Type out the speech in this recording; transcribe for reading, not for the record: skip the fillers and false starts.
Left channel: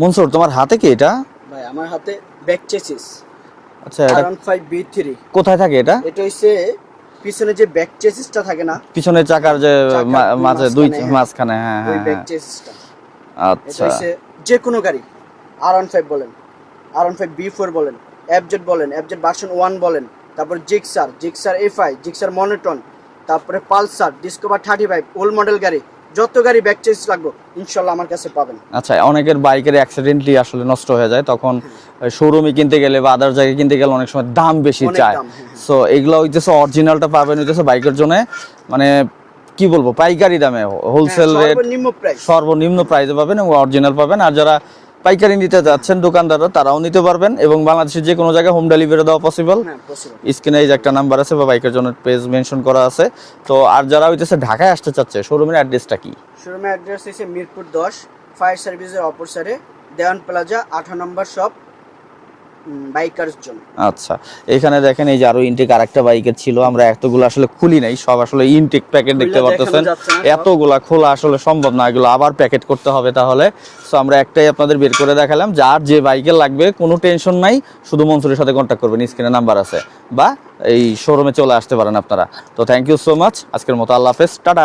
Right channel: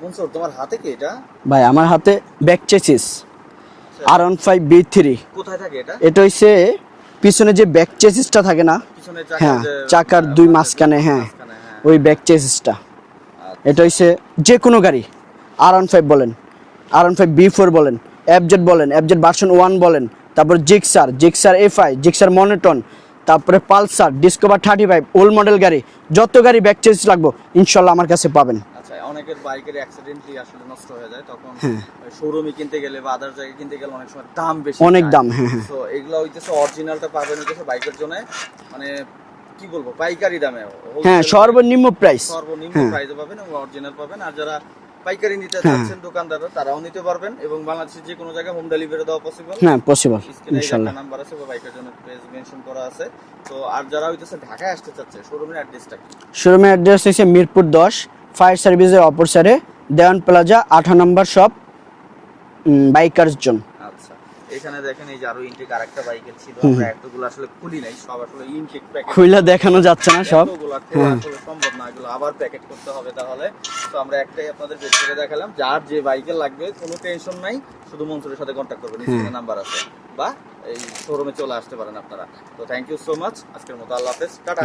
মনসুর তোমার হাতে কি এটা? ভাই আমার হাতে ব্যাক চেসিস আচ্ছা, এটা R15 B3। কোথায় থাকে এটা? এটা হইছে পিছনে যে ব্যাক চেসিসটা থাকে না, পিছনের চাকার হ্যাঁ, যে চাকার দুই মাঝখানে, হ্যাঁ, মাঝখানে, হ্যাঁ ওই হ্যাঁ, ব্যাক হ্যাঁ। চেসিসটা। আচ্ছা, এটা হইছে যে কোনো গাড়ি, R15 বলেন, R15 B4 বলেন, FZ বলেন, FZ ভার্সন 1 বলেন, তারপর জিক্সার FI, জিক্সার মনোটন, তারপরে পালসার, ডিসকভার 35, ওল্ড মডেল গাড়ি, যত গাড়ি ব্যাক চেসিস লাগবে ইনশাআল্লাহ আমার কাছে পাবেন। আচ্ছা, অনেকের বাইকের অ্যাক্সিডেন্টলি আসলে নষ্ট হয়ে যায়, তখন শোরুমে কিনতে গেলে বা আদার জায়গায় কিনতে গেলে অনেক সময় দাম বেশি অনেক চায়। দাম, হ্যাঁ, হ্যাঁ। সো এগুলো হইতেছে অরিজিনালটা পাবেন হইতেছে বাইকের জন্য, মানে কি বলবো, পাইকারি দামে, হ্যাঁ, হোলসেল সর্বনিম্ন প্রাইস, সর্বনিম্ন প্রাইসে পাবেন এবং অরিজিনাল পাবেন। আর যারা পাইকারি নিতে যাচ্ছেন দোকানদাররা, তারাও নিতে পারবেন এবং বাংলাদেশের যে কোনো জায়গায় হোম ডেলিভারি দেওয়া পসিবল। হ্যাঁ পসিবল। স্ক্রিনে এই যে একটা নাম্বার আছে বা বাইকের জন্য পেজ মেনশন করা আছে। তো আর যারা হইতেছে ঢাকায় আসতে চাচ্ছে, শোরুমের অ্যাড্রেসটা কি? শোরুমের অ্যাড্রেস হচ্ছে মিরপুর 10, ফায়ার সার্ভিসের অপর সাইডে, দেওয়ান প্লাজা 18 নম্বর শপ, বাইকার্স জোন। আচ্ছা, এখানে দেখেন এই যে আরো ইনটেক আরেকটা বাইকের ছিল, আমরা এতগুলো আসলে খুলি নাই, সব আসলে ইনটেক প্যাকেট খুলে দেখানো যাচ্ছে না সব। এতগুলা খোলা আসলে সম্ভব না, এগুলো আবার প্যাকেট করতে হবে তাহলে। তো আমরা একটাই আপনাদের বের করে দেখালাম। যার যে বাইকে লাগবে কোনো টেনশন নাই, শুধু মনসুরের সাথে কন্ট্যাক্ট করবেন, স্ক্রিনে নাম্বার আছে, বা এই শোরুমে চলে আসতে পারেন আপনারা। তো থ্যাংক ইউ সো মাচ, আজকের মতো আল্লাহ হাফেজ, টাটা।